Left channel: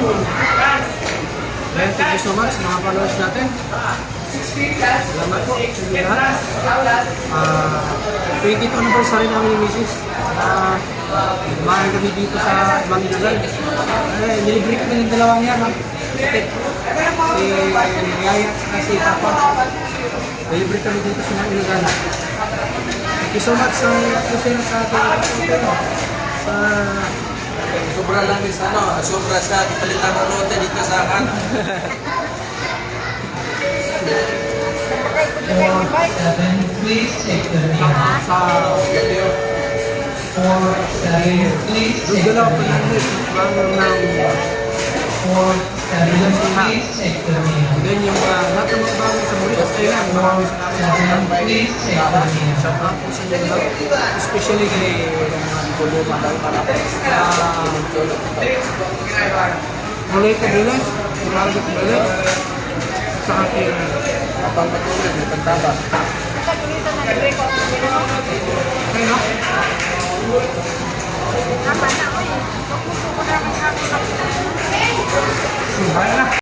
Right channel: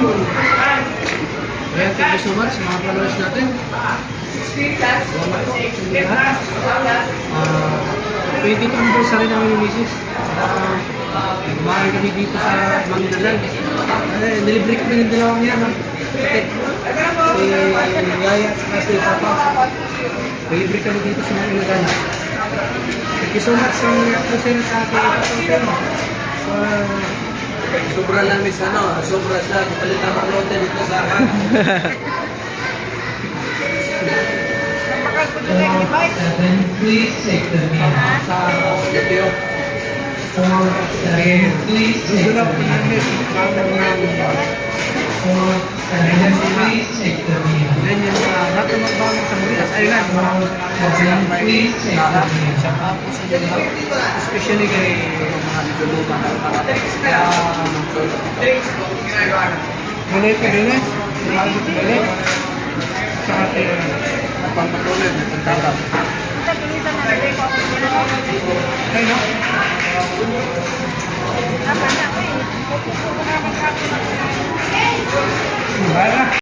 Ayan, thank you so much mga followers natin. Salamat po sa inyo lahat. 22 anniversary namin ni Mrs. Kumain kami dito sa Manila. Nilibre kami ng dalawang yan. Si Yaya at si Papa. Nilibre kami dito sa Manila. Thank you so much sa present sa ating Sobra lang miss sobra siya, palitan mo lote dito sa akin. Please take the sa video. please Doon lang po namin. please take the meal. Then yung lahat ng mga bagay sa Moritas Island, maraming salamat. Please take the meal. Sa tapos sa mga especially kay mga luma daw para mulay ko din eh. Mulay ko din eh. Sa akin. Napang patuloy, may pagtabang. Ay no? Bahala na.